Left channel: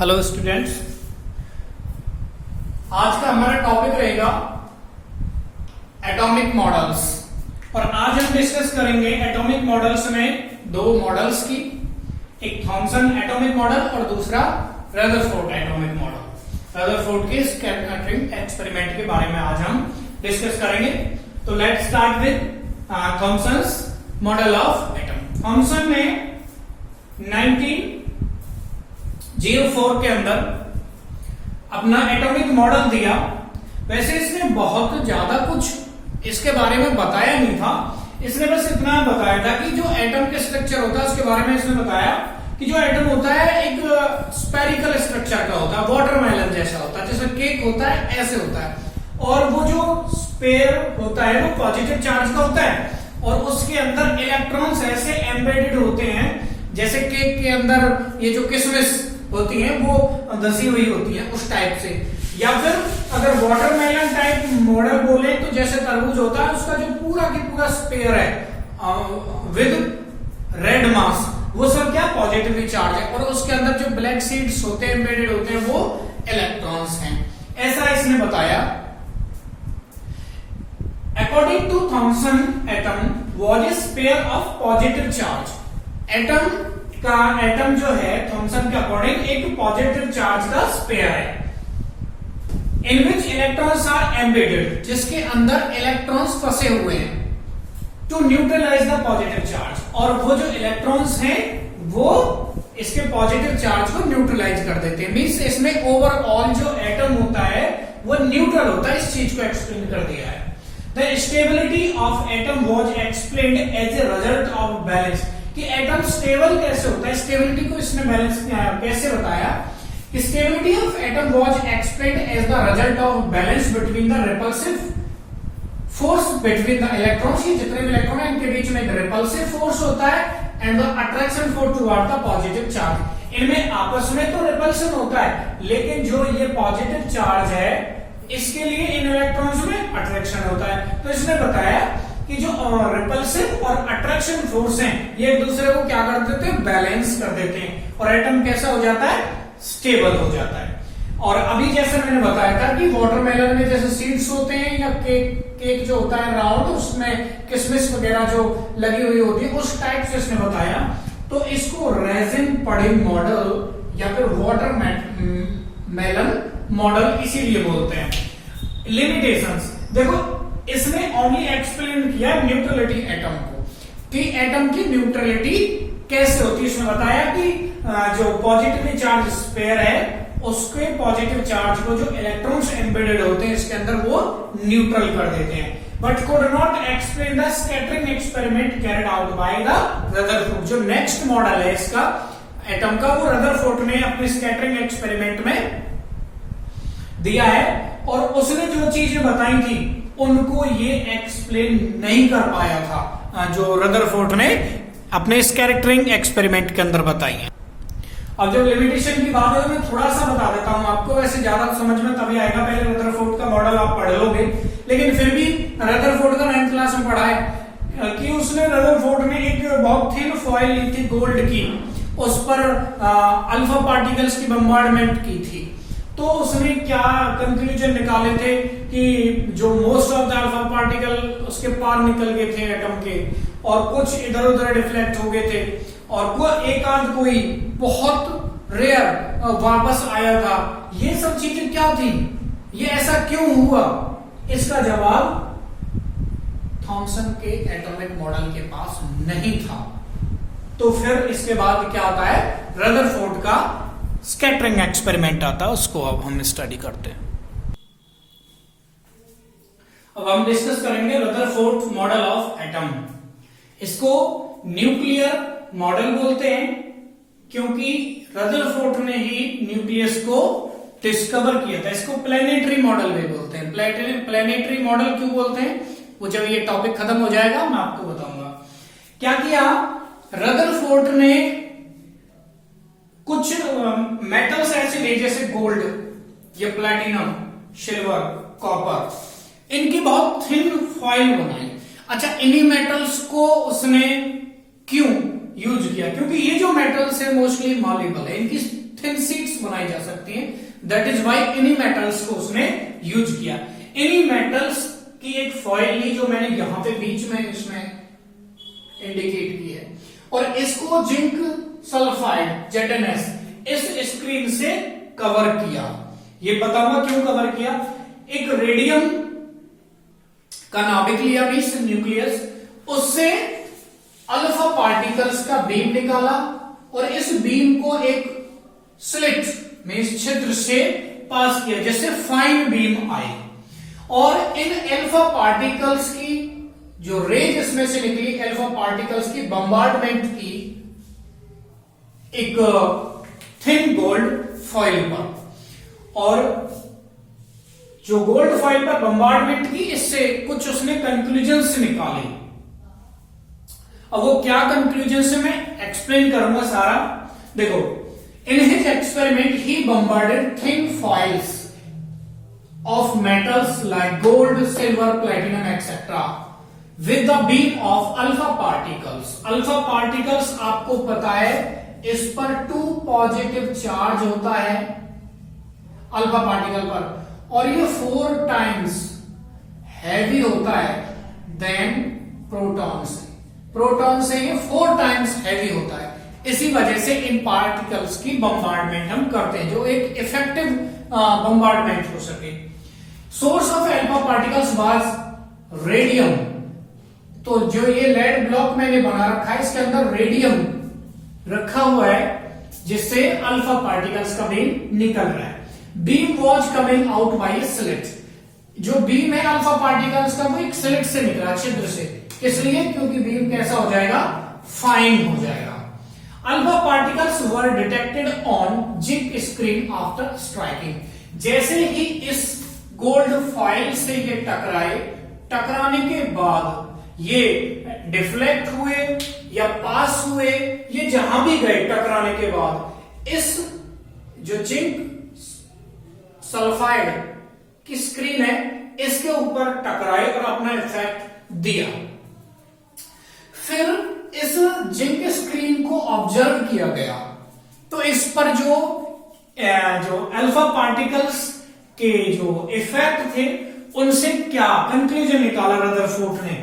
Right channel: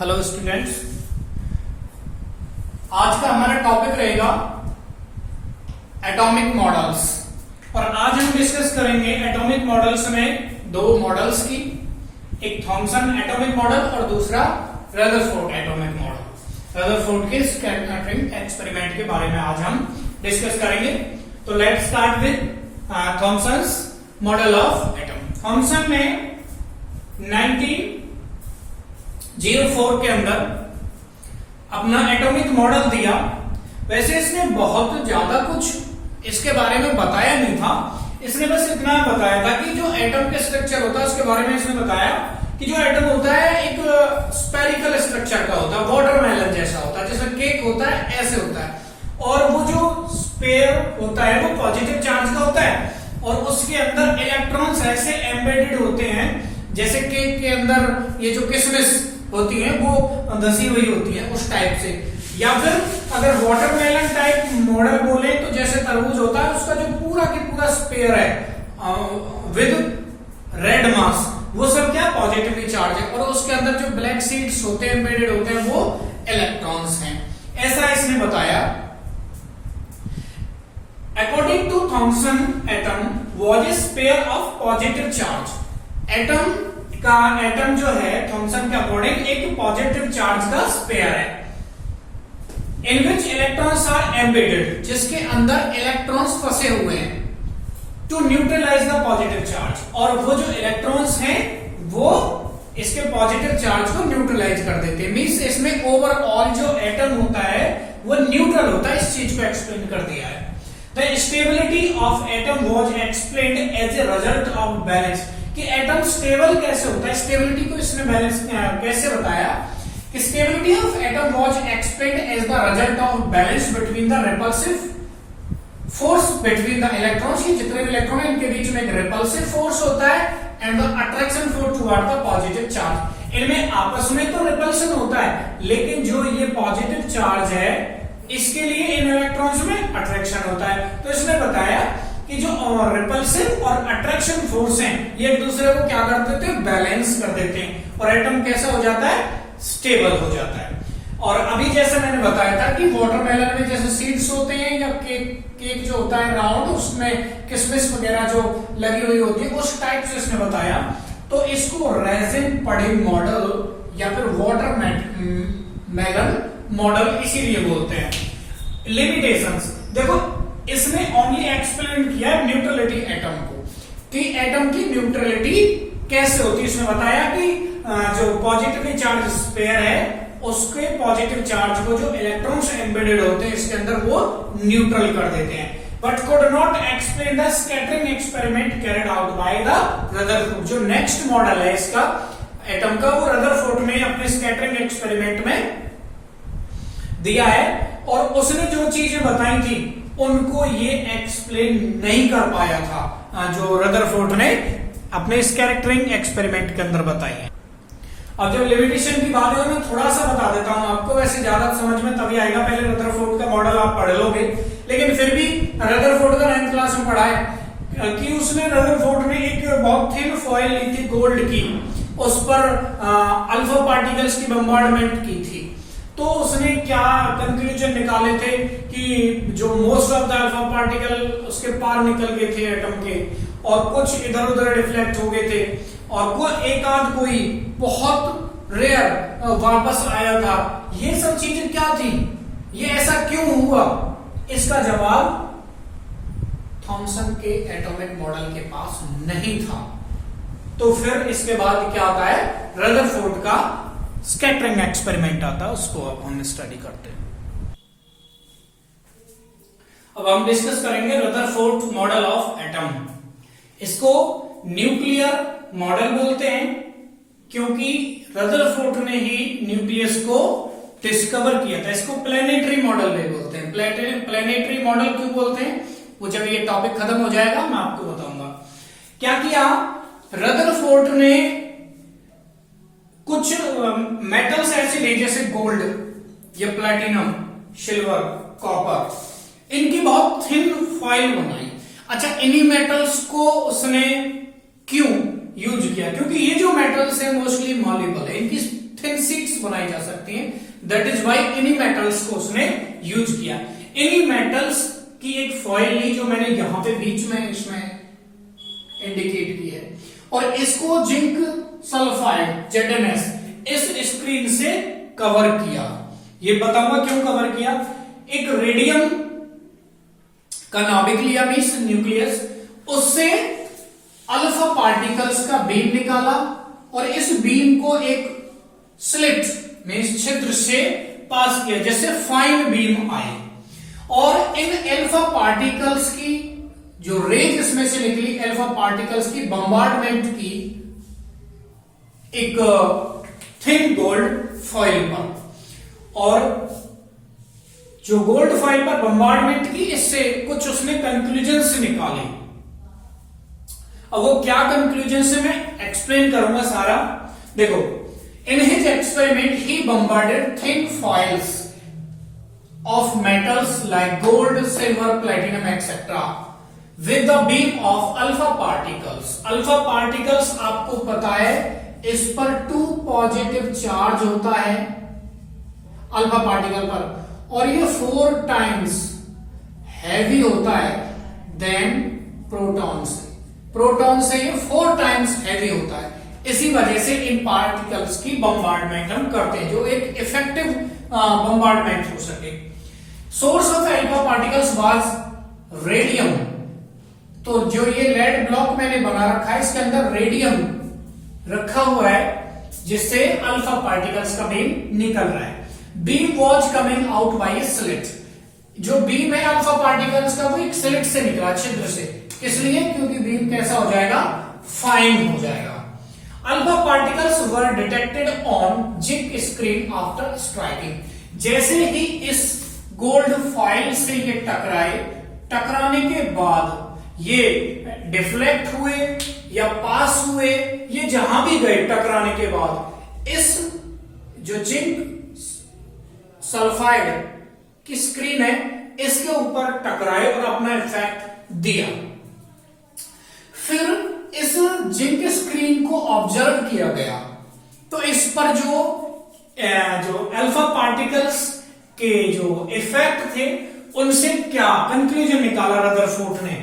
Hello students, आज का हमारा टॉपिक रहेगा एटॉमिक मॉडल्स। और आज हम डिस्कस करेंगे एटॉमिक मॉडल्स में दो मॉडल्स की, एक थॉमसन एटॉमिक मॉडल और दूसरा रदरफोर्ड एटॉमिक मॉडल। रदरफोर्ड के स्कैटरिंग एक्सपेरिमेंट के बारे में आज हम डिस्कस करेंगे। तो let's start with Thomson's model of atom. Thomson ने 1904 के अंदर अपना एटॉमिक मॉडल दिया। वैसे इसने बहुत ज्यादा कुछ इसके बारे में बताया नहीं था, इसने बस इतना बताया था कि जो एटम के स्ट्रक्चर होता है उसके बारे में इसने बताया कि जो एटम होता है एक स्पेरिकल स्ट्रक्चर का होता है, वाटरमेलन जैसा होता है, जैसे केक होता है ऐसे होता है। और वो जो स्पेयर होता है वो पॉजिटिव चार्ज का होता है और उसके अंदर इलेक्ट्रॉन्स ऐसे एम्बेडेड होते हैं जैसे केक के अंदर ये जो किशमिश होती है वो धसी हुई होती है उस टाइप से। या फिर अगर वाटरमेलन टाइप मॉडल बोले तो जैसे तरबूज होता है उसका जो पूरा की पूरा स्पेयर है विद रेड मास, वो सब क्या पॉजिटिवली चार्ज है और उसके अंदर जो ब्लैक सीड्स होते हैं एम्बेडेड होते हैं वो इलेक्ट्रॉन्स हैं, ऐसा इसने बताया। According to Thomson atom was a sphere of positive charge. Atom जो है थॉमसन के अकॉर्डिंग एक पॉजिटिव चार्ज का स्पेयर है in which electrons are embedded, जिसके अंदर इलेक्ट्रॉन्स फंसे हुए हैं to neutralise the positive charge. और वो जो इलेक्ट्रॉन्स हैं वो इसके पॉजिटिव चार्ज को न्यूट्रलाइज कर देते हैं। मींस इसमें ओवरऑल जो एटम होता है वो न्यूट्रल होता है। इस चीज को एक्सप्लेन कर दिया है। The stability of atom was explained as a result of balance, कि एटम स्टेबल कैसे होता है, स्टेबिलिटी को इसने बैलेंस में कैसे बताया कि stability of atom was explained as the result of balance between the repulsive force between the electrons. ये जितने भी इलेक्ट्रॉन है इनके बीच में एक रिपल्सिव फोर्स होता है and the attraction force toward the positive charge. इनमें आपस में तो रिपल्शन होता है लेकिन जो ये पॉजिटिव चार्ज है इसके लिए इन इलेक्ट्रॉन्स में अट्रैक्शन होता है। तो इसने बताया कि जो रिपल्सिव और अट्रैक्शन फोर्स हैं ये एक दूसरे को क्या कर देते हैं, बैलेंस कर देते हैं और एटम कैसा हो जाता है, स्टेबल हो जाता है। और अभी जैसे मैंने बताया था कि वाटरमेलन में जैसे सीड्स होते हैं या केक जो होता है राउंड उसमें किशमिश वगैरह जो लगी हुई होती है उस टाइप से इसने बताया। तो इसको रेजिन पडिंग मॉडल या फिर वाटरमेलन मॉडल इसीलिए बोलते हैं। लिमिटेशंस देखो, इसने ओनली एक्सप्लेन किया न्यूट्रलिटी एटम को कि एटम की न्यूट्रलिटी कैसे होती है। इसने बताया कि जो पॉजिटिवली चार्ज स्पेयर है उसके पॉजिटिव चार्ज को जो इलेक्ट्रॉन्स एम्बेडेड होते हैं इसके अंदर वो न्यूट्रल कर देते हैं। But could not explain the scattering experiment carried out by the Rutherford. जो नेक्स्ट मॉडल है इसका एटम का वो रदरफोर्ड ने अपने स्कैटरिंग एक्सपेरिमेंट में दिया है और उसने जो चीजें बताई थी उनको ये एक्सप्लेन नहीं कर पाया था जो रदरफोर्ड ने अपने स्कैटरिंग एक्सपेरिमेंट के अंदर बताई है। अब जब लिमिटेशन की बात है मैं थोड़ा सा बता देता हूं आपको, वैसे ज्यादा समझ में तभी आएगा, पहले रदरफोर्ड का मॉडल आप पढ़ लोगे, लेकिन फिर भी रदरफोर्ड का 9th क्लास में पढ़ा है कि उसने रदरफोर्ड ने एक बहुत थिन फॉइल ली थी गोल्ड की, उस पर अल्फा पार्टिकल्स की बम्बार्डमेंट की थी। तो उसने क्या कंक्लूजन निकाले थे कि जो most of the alpha particle उसके पार निकल गए थे एटम के और कुछ इधर उधर डिफ्लेक्ट हो गए थे और एक आध कोई बहुत रेयर वापस आया था। ये सब चीजें क्या थी, ये ऐसा क्यों हुआ, इसका जवाब थॉमसन के एटॉमिक मॉडल के पास नहीं था। तो फिर इसके बाद क्या आता है, रदरफोर्ड का स्कैटरिंग एक्सपेरिमेंट आता है, उसको अब हम स्टडी करते हैं। अब हम डिस्कस करेंगे रदरफोर्ड मॉडल ऑफ एटम। इसको न्यूक्लियर मॉडल बोलते हैं क्योंकि रदरफोर्ड ने ही न्यूक्लियस को डिस्कवर किया था। इसको प्लेनेटरी मॉडल भी बोलते हैं। प्लेनेटरी मॉडल क्यों बोलते हैं वो जब ये टॉपिक खत्म हो जाएगा मैं आपको बताऊंगा। क्या किया, रदरफोर्ड ने कुछ मेटल्स ऐसे लिए जैसे गोल्ड, ये प्लैटिनम, सिल्वर, कॉपर, इनकी बहुत थिन फॉइल बनाई। अच्छा, इन्हीं मेटल्स को उसने क्यों यूज किया, क्योंकि ये जो मेटल्स है मोस्टली मॉल्युबल है, इनकी थिन शीट्स बनाई जा सकती हैं। दैट इज वाई इन्हीं मेटल्स को उसने यूज किया। इन्हीं मेटल्स की एक फॉइल ली जो मैंने यहां पे बीच में इसमें इंडिकेट की है, और इसको जिंक सल्फाइड ZnS इस स्क्रीन से कवर किया। ये बताऊंगा क्यों कवर किया। एक रेडियम का नाभिक लिया, मींस न्यूक्लियस, उससे अल्फा पार्टिकल्स का बीम निकाला और इस बीम को एक स्लिट मींस छिद्र से पास किया जिससे फाइन बीम आए, और इन अल्फा पार्टिकल्स की जो रेज इसमें से निकली, अल्फा पार्टिकल्स की बम्बार्डमेंट की एक थिन गोल्ड फॉइल पर, और जो गोल्ड फॉइल पर बम्बार्डमेंट की, इससे कुछ उसने कंक्लूजन्स निकाले। अब वो क्या कंक्लूजन से मैं एक्सप्लेन करूंगा सारा। देखो, in his experiment he bombarded thin foils of metals like gold, silver, platinum etcetera with the beam of alpha particles. Alpha particles आपको पता है इस पर 2 पॉजिटिव चार्ज होता है अल्फा पार्टिकल पर, और ये 4 टाइम्स हैवी होता है देन प्रोटॉन से। प्रोटॉन से ये 4 टाइम्स हैवी होता है। इसी वजह से इन पार्टिकल्स की बम्बार्डमेंट हम करते हैं, जो एक इफेक्टिव बम्बार्डमेंट हो सके। Source of alpha particles was radium. तो जो ये लेड ब्लॉक मैंने बना रखा है, इसके अंदर रेडियम रखा हुआ है जिससे अल्फा पार्टिकल्स का बीम निकल रहा है। Beam was coming out by slit. जो बीम है अल्फा पार्टिकल्स का, वो एक स्लिट से निकला, छिद्र से। इसलिए क्योंकि बीम कैसा हो जाएगा, फाइन हो जाएगा। Alpha particles were detected on zinc screen after striking. जैसे ही इस गोल्ड फॉइल से ये टकराए, टकराने के बाद ये डिफ्लेक्ट हुए या पास हुए, ये जहां भी गए टकराने के बाद, इस जो जिंक सल्फाइड की स्क्रीन है इसके ऊपर टकराए और अपना इफेक्ट दिया। फिर इस जिंक स्क्रीन को ऑब्जर्व किया गया, तो इस पर जो अल्फा पार्टिकल्स के जो इफेक्ट थे उनसे क्या कंक्लूजन निकाला रदरफोर्ड ने।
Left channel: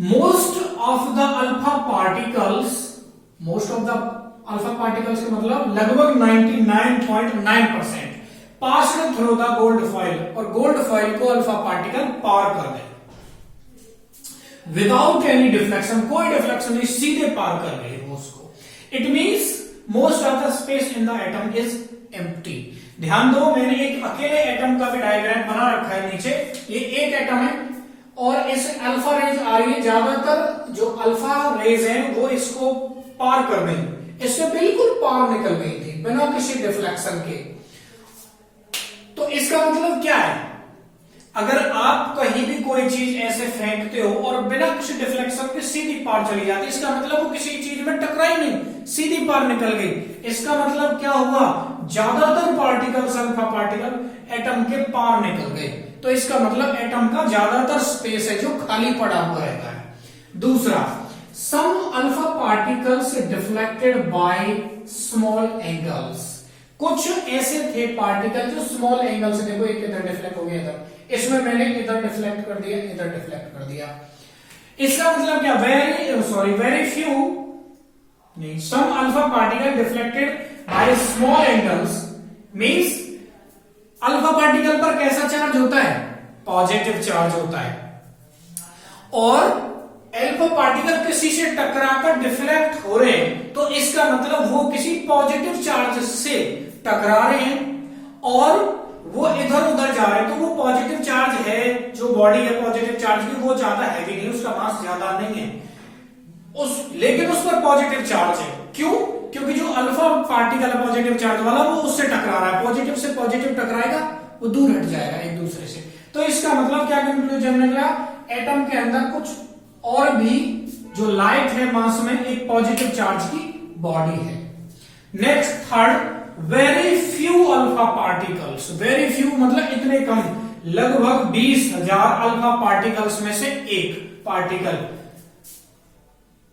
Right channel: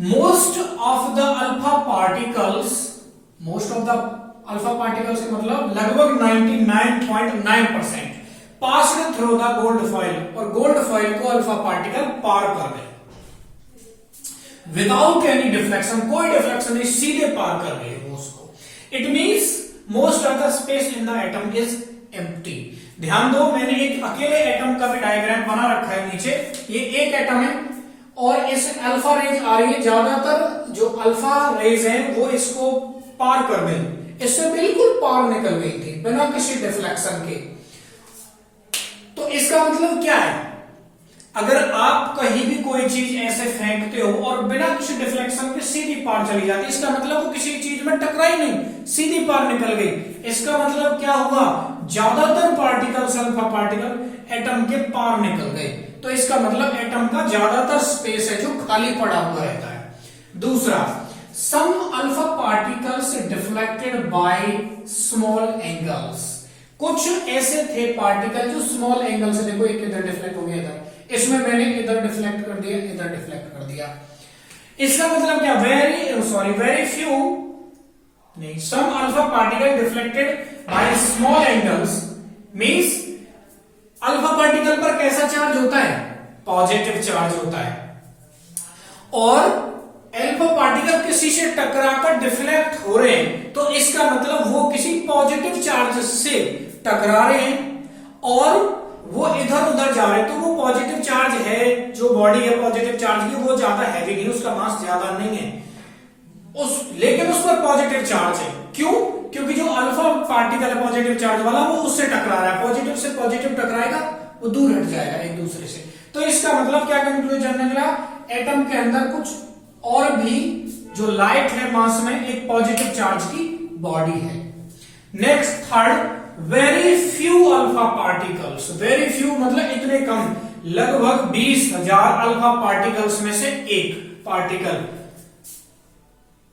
Most of the alpha particles का मतलब लगभग 99.9% passed through the gold foil, और गोल्ड फॉइल को अल्फा पार्टिकल पार कर गए विदाउट एनी डिफ्लेक्शन। कोई डिफ्लेक्शन नहीं, सीधे पार कर गए वो उसको। It means most of the space in the atom is empty. ध्यान दो, मैंने एक अकेले एटम का भी डायग्राम बना रखा है नीचे। ये एक एटम है और इस अल्फा रेज आ रही है, ज्यादातर जो अल्फा रेज है वो इसको पार कर गई, इससे बिल्कुल पार निकल गई थी बिना किसी डिफ्लेक्शन के। तो इसका मतलब क्या है, अगर आप कहीं भी कोई चीज ऐसे फेंकते हो और बिना किसी डिफ्लेक्शन के सीधी पार चली जाती है, इसका मतलब वो किसी चीज में टकराई नहीं, सीधी पार निकल गई। इसका मतलब क्या हुआ, ज्यादातर पार्टिकल्स, अल्फा पार्टिकल एटम के पार निकल गए। तो इसका मतलब एटम का ज्यादातर स्पेस है जो खाली पड़ा हुआ रहता है। दूसरा, some alpha particles deflected by small angles. कुछ ऐसे थे पार्टिकल जो स्मॉल एंगल से, देखो एक इधर डिफ्लेक्ट हो गया, इधर, इसमें मैंने इधर डिफ्लेक्ट कर दिया, इधर डिफ्लेक्ट कर दिया। इसका मतलब क्या, वेरी फ्यू नहीं, some alpha particle deflected by small angles means alpha particle पर कैसा चार्ज होता है, पॉजिटिव चार्ज होता है, और अल्फा पार्टिकल किसी से टकराकर डिफ्लेक्ट हो रहे हैं, तो इसका मतलब वो किसी पॉजिटिव चार्ज से टकरा रहे हैं और वो इधर उधर जा रहे हैं। तो वो पॉजिटिव चार्ज है, जो बॉडी है पॉजिटिव चार्ज की, वो ज्यादा हैवी नहीं, उसका मास ज्यादा नहीं है लेकिन उस पर पॉजिटिव चार्ज है। क्यों, क्योंकि जो अल्फा पार्टिकल है पॉजिटिव चार्ज वाला, वो उससे टकरा रहा है, पॉजिटिव से पॉजिटिव टकराएगा, वो दूर हट जाएगा एक दूसरे से। तो इसका मतलब क्या कंक्लूजन निकला, एटम के अंदर कुछ और भी जो लाइट है मास में एक पॉजिटिव चार्ज की बॉडी है। Next, third, very few alpha particles. Very few मतलब इतने कम, लगभग 20,000 अल्फा पार्टिकल्स में से एक पार्टिकल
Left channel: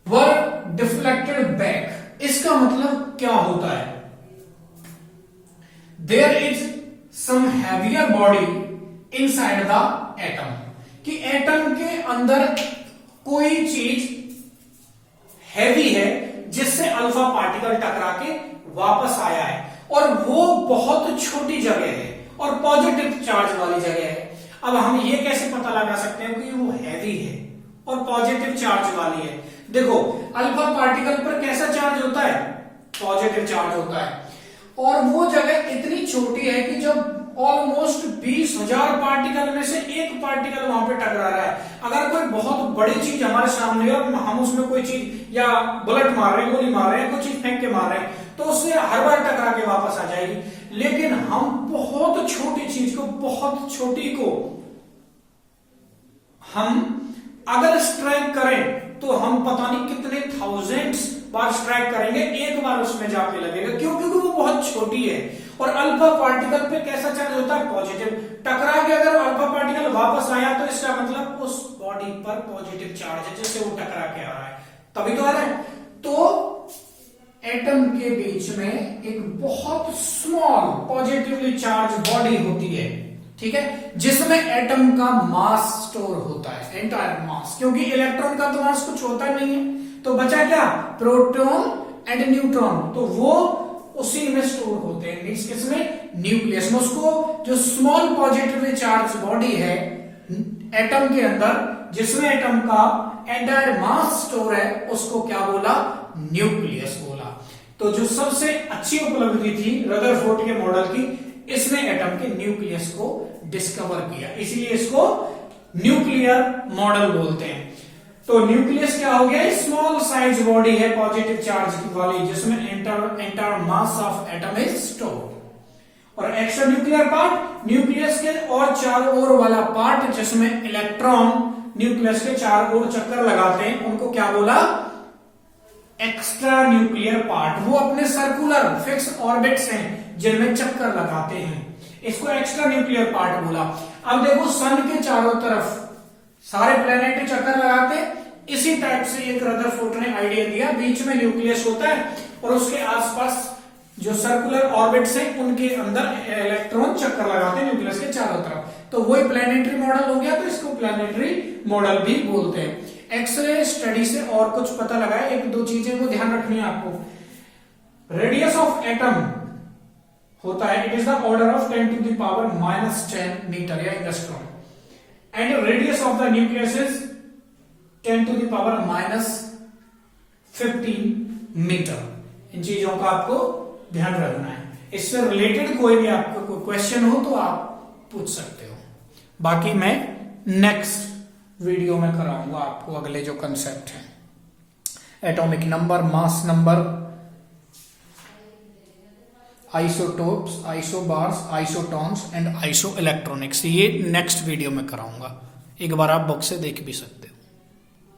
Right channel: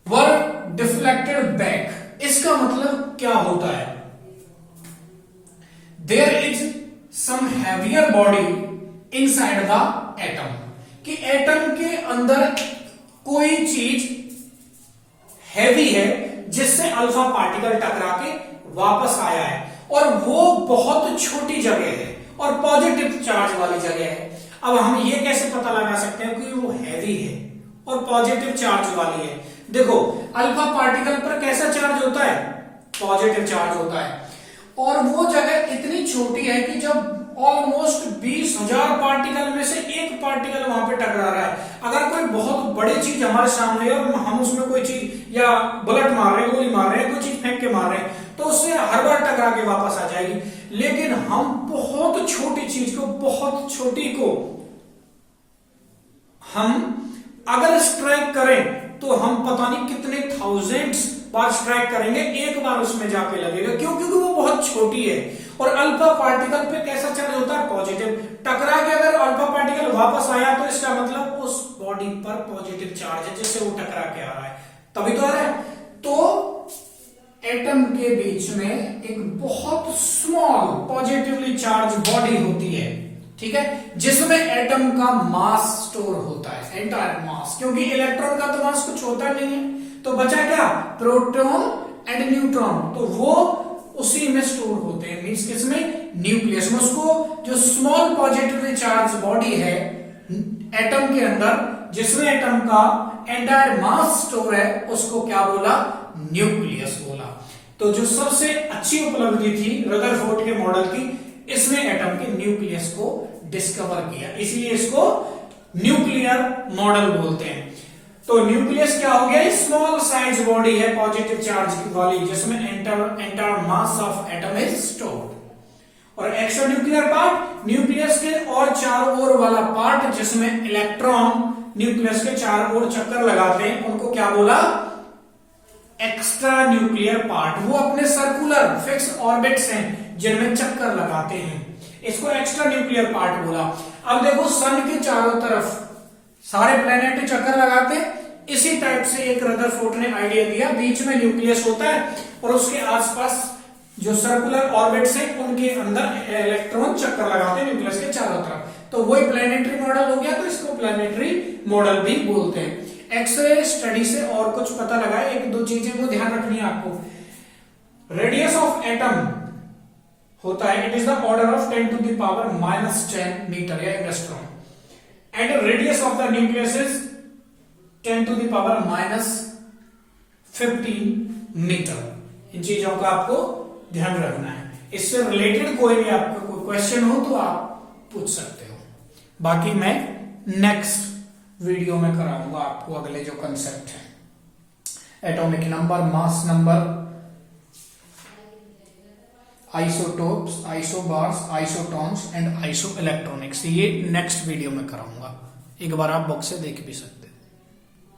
वर डिफ्लेक्टेड बैक। इसका मतलब क्या होता है, there is some heavier body inside the atom, कि एटम के अंदर कोई चीज हैवी है जिससे अल्फा पार्टिकल टकरा के वापस आया है, और वो बहुत छोटी जगह है और पॉजिटिव चार्ज वाली जगह है। अब हम ये कैसे पता लगा सकते हैं कि वो हैवी है और पॉजिटिव चार्ज वाली है? देखो, अल्फा पार्टिकल पर कैसा चार्ज होता है? पॉजिटिव चार्ज होता है, और वो जगह इतनी छोटी है कि जब ऑलमोस्ट 20,000 पार्टिकल में से एक पार्टिकल वहां पे टकरा रहा है, अगर कोई बहुत बड़ी चीज हमारे सामने है और हम उसमें कोई चीज या बुलेट मार रहे हैं, गोली मार रहे हैं, कोई चीज फेंक के मार रहे हैं, तो उससे हर बार टकरा के वापस आ जाएगी। लेकिन हम बहुत छोटी चीज को, बहुत छोटी को हम अगर स्ट्राइक करें तो हम पता नहीं कितने थाउजेंड्स बार स्ट्राइक करेंगे, एक बार उसमें जाके लगेगा। क्यों? क्योंकि वो बहुत छोटी है। और अल्फा पार्टिकल पे कैसा चार्ज होता है? पॉजिटिव। टकरा के अगर अल्फा पार्टिकल वापस आया तो इसका मतलब उस बॉडी पर पॉजिटिव चार्ज है जिससे वो टकरा के आ रहा है, तभी तो आ रहा है। तो एटम के बीच में एक बहुत स्मॉल पॉजिटिवली चार्ज बॉडी होती है, ठीक है, जिसमें एटम का मास स्टोर होता है, एंटायर मास, क्योंकि इलेक्ट्रॉन का तो मास कुछ होता नहीं है, तो बचा क्या? प्रोटॉन एंड न्यूट्रॉन, तो वो उसी में स्टोर होते हैं, मींस किसमें? न्यूक्लियस में। उसको जो स्मॉल पॉजिटिवली चार्ज बॉडी है एटम के अंदर, जिसमें एटम का एंटायर मास स्टोर है, उसको क्या बोला? न्यूक्लियस बोला। तो जो सबसे अच्छी उपलब्धि थी रदरफोर्ड के मॉडल की, इसमें एटम के न्यूक्लियस को डिस्कवर किया, इसलिए इसको न्यूक्लियर मॉडल बोलते हैं। तो न्यूक्लियस क्या हो गया? स्मॉल साइज बॉडी है पॉजिटिव चार्ज वाली, जिसमें entire mass of atom is stored. और एक्स्ट्रा न्यूक्लियर पार्ट, न्यूक्लियस के और चारों ओर वाला पार्ट, जिसमें इलेक्ट्रॉन न्यूक्लियस के चारों ओर चक्कर लगाते हैं, उनको क्या बोला? Extra nuclear part. वो अपने सर्कुलर फिक्स ऑर्बिट्स हैं जिनमें चक्कर लगाते हैं, इसको एक्स्ट्रा न्यूक्लियर पार्ट बोला। अब देखो, सन के चारों तरफ सारे प्लेनेट चक्कर लगाते हैं, इसी टाइप से एक रदरफोर्ड ने आइडिया दिया, बीच में न्यूक्लियस होता है और उसके आसपास जो सर्कुलर ऑर्बिट्स हैं उनके अंदर इलेक्ट्रॉन चक्कर लगाते हैं न्यूक्लियस के चारों तरफ, तो वही प्लेनेटरी मॉडल हो गया। तो इसको प्लेनेटरी मॉडल भी बोलते हैं। एक्सरे स्टडी से और कुछ पता लगा है, एक दो चीजें वो ध्यान रखनी है आपको। रेडियस ऑफ एटम होता है, it is the order of 10 to the power -10 metre या angstrom, and radius of the nucleus is 10 to the power -15 metre. इन चीजों का आपको ध्यान रखना है। इससे रिलेटेड कोई भी आपको कोई क्वेश्चन हो तो आप पूछ सकते हो। बाकी मैं नेक्स्ट वीडियो में कराऊंगा आपको अगले जो कंसेप्ट है, atomic number, mass number, isotopes, isobars, isotones and iso electronics, ये नेक्स्ट वीडियो में कराऊंगा। एक बार आप बुक से देख भी सकते हैं।